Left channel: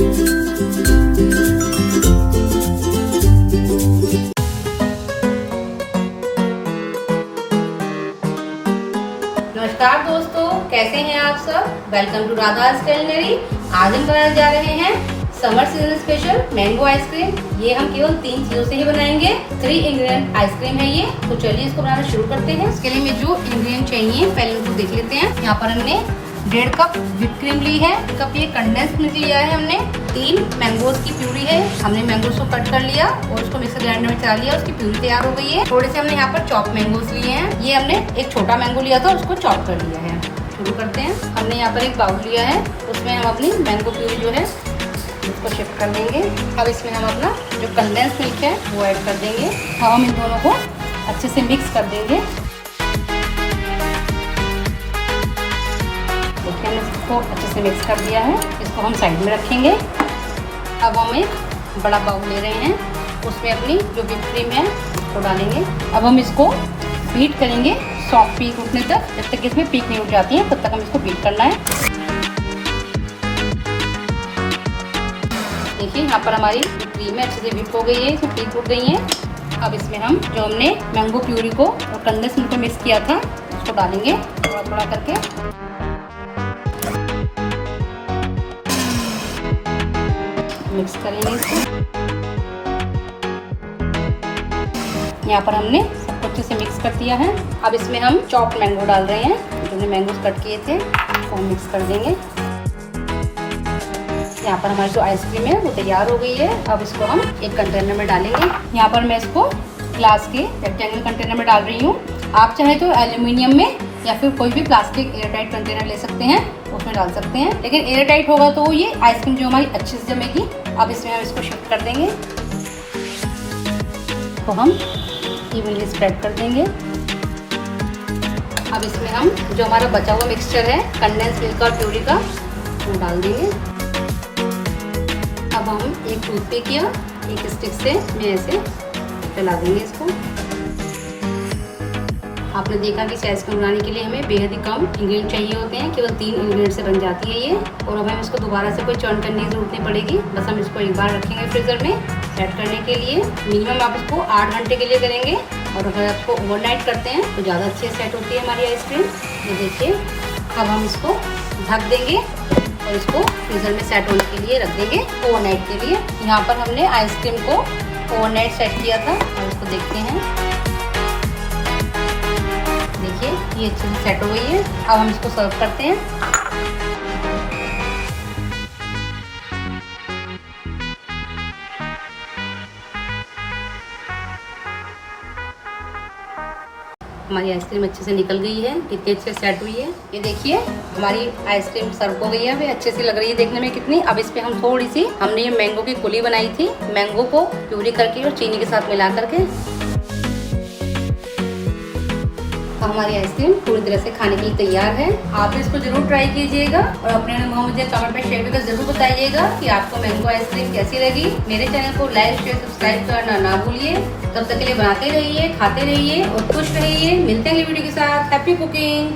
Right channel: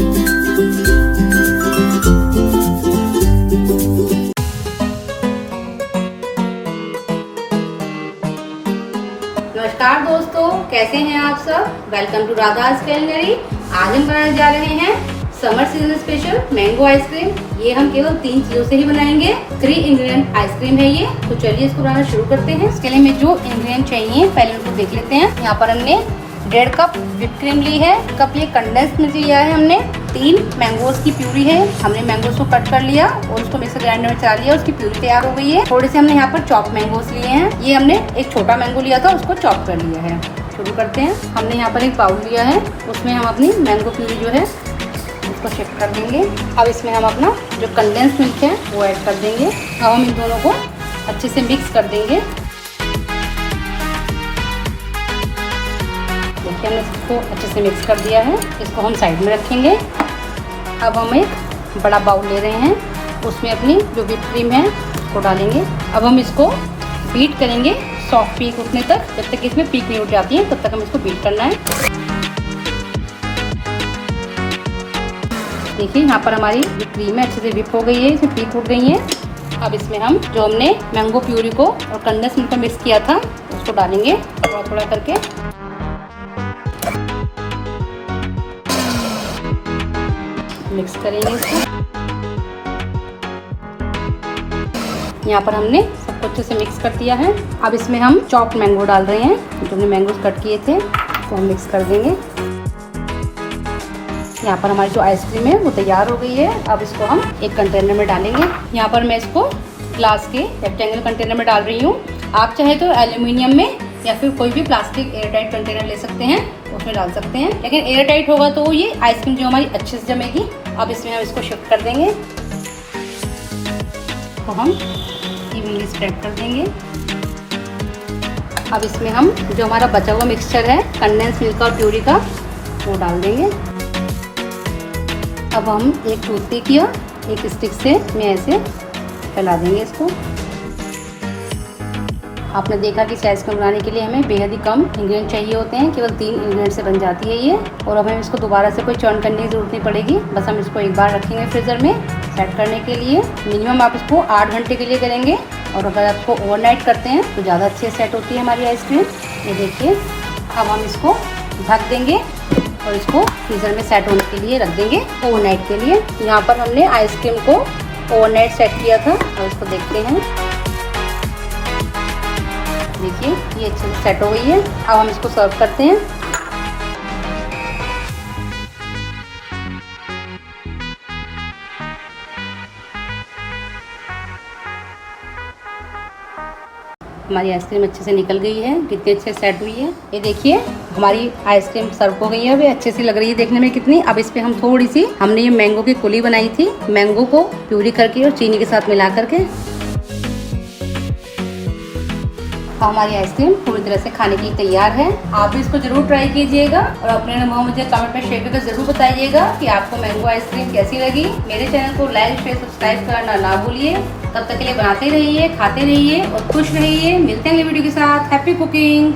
नमस्कार दोस्तों, कैसे हैं आप सब। Welcome to Radha's culinary। आज हम बनाने जा रहे हैं summer season special mango ice cream. ये हम केवल 3 चीजों से ही बनाएंगे। 3 इंग्रेडिएंट आइसक्रीम है ये। तो चलिए इसको बनाना शुरू करते हैं। इसके लिए जो इंग्रेडिएंट चाहिए पहले उनको देख लेते हैं। यहाँ पर हमने 1.5 कप व्हिप क्रीम ली है। कप ये कंडेंस्ड मिल्क लिया है हमने। 3 मैंगोज की प्यूरी है। हमने मैंगोज को कट कर लिया और उसको मिक्सर ग्राइंडर में चला लिया। उसकी प्यूरी तैयार हो गई है। थोड़े से हमने यहाँ पर चॉप मैंगोज लिए हैं। ये हमने एक छोटा मैंगो लिया था, उसको चॉप कर लिया है। शुरू करते हैं। हमने यहाँ पर एक बाउल लिया है, उसमें हम अपनी मैंगो प्यूरी जो है इसको शिफ्ट कर देंगे। अब इसमें हम अपना जो कंडेंस्ड मिल्क है वो ऐड कर देंगे। अब हम इन दोनों को अच्छे से मिक्स कर देंगे। देखिए हमने इसको अच्छे से मिक्स कर दिया है। इसको हम साइड में रखेंगे। अब हम एक बड़ा बाउल ले रहे हैं, उसमें अपनी जो व्हिप क्रीम है उसको डालेंगे। अब हम इसको बीट करेंगे सॉफ्ट पीक उठने तक। जब तक इसमें पीक नहीं उठ जाती है तब तक हम इसको बीट करना है। देखिए यहाँ पर हमारी क्रीम है अच्छे से व्हिप हो गई है, इसमें पीक उठ गई है। अब इसमें हम जो हमने मैंगो प्यूरी को और कंडेंस्ड मिल्क को मिक्स किया था उसको डालेंगे थोड़ा थोड़ा करके। मिक्स करेंगे इसको। यहाँ पर हमने सबको अच्छे से मिक्स कर दिया है। अब इसमें हम चॉप्ड मैंगो डाल रहे हैं। जो हमने मैंगोज कट किए थे वो हम मिक्स कर देंगे। यहाँ पर हमारी जो आइसक्रीम है वो तैयार हो गई है। अब इसको हम एक कंटेनर में डालेंगे। यहाँ पर मैं इसको ग्लास के रेक्टेंगल कंटेनर में डाल रही हूँ। आप चाहे तो एल्यूमिनियम में या फिर कोई भी प्लास्टिक एयरटाइट कंटेनर ले सकते हैं, उसमें डाल सकते हैं। लेकिन एयरटाइट होगा तो ये आइसक्रीम जो हमारी अच्छे से जमेगी। अब इसमें हम इसको शिफ्ट कर देंगे। तो हम इवनली स्प्रेड कर देंगे। अब इसमें हम जो हमारा बचा हुआ मिक्सचर है कंडेंस्ड मिल्क और प्यूरी का वो डाल देंगे। अब हम एक टूथपिक या एक स्टिक से मैं ऐसे फैला देंगे इसको। आपने देखा कि इस आइसक्रीम बनाने के लिए हमें बेहद ही कम इंग्रेडिएंट चाहिए होते हैं। केवल 3 इंग्रेडिएंट से बन जाती है ये। और अब हम इसको दोबारा से कोई चर्न करने की जरूरत नहीं पड़ेगी। बस हम इसको एक बार रखेंगे फ्रीजर में सेट करने के लिए। मिनिमम आप इसको 8 घंटे के लिए करेंगे। और अगर आप इसको ओवरनाइट करते हैं तो ज़्यादा अच्छी सेट होती है हमारी आइसक्रीम। ये देखिए अब हम इसको ढक देंगे और इसको फ्रीजर में सेट होने के लिए रख देंगे ओवरनाइट के लिए। यहाँ पर हमने आइसक्रीम को ओवरनाइट सेट किया था और इसको देखते हैं। देखिए ये अच्छे से सेट हो गई है। अब हम इसको सर्व करते हैं। हमारी आइसक्रीम अच्छे से निकल गई है, कितनी अच्छे सेट हुई है। ये देखिए हमारी आइसक्रीम सर्व हो गई है। वे अच्छे से लग रही है देखने में कितनी। अब इस पे हम थोड़ी सी हमने ये मैंगो की कुली बनाई थी, मैंगो को प्यूरी करके और चीनी के साथ मिला करके। हमारी आइसक्रीम पूरी तरह से खाने के लिए तैयार है। आप भी इसको जरूर ट्राई कीजिएगा और अपने अनुभव मुझे कमेंट में शेयर करके जरूर बताइएगा कि आपको मैंगो आइसक्रीम कैसी लगी। मेरे चैनल को लाइक शेयर सब्सक्राइब करना ना भूलिए। तब तक के लिए बनाते रहिए, खाते रहिए और खुश रहिए। मिलते हैं अगली वीडियो के साथ। Happy cooking.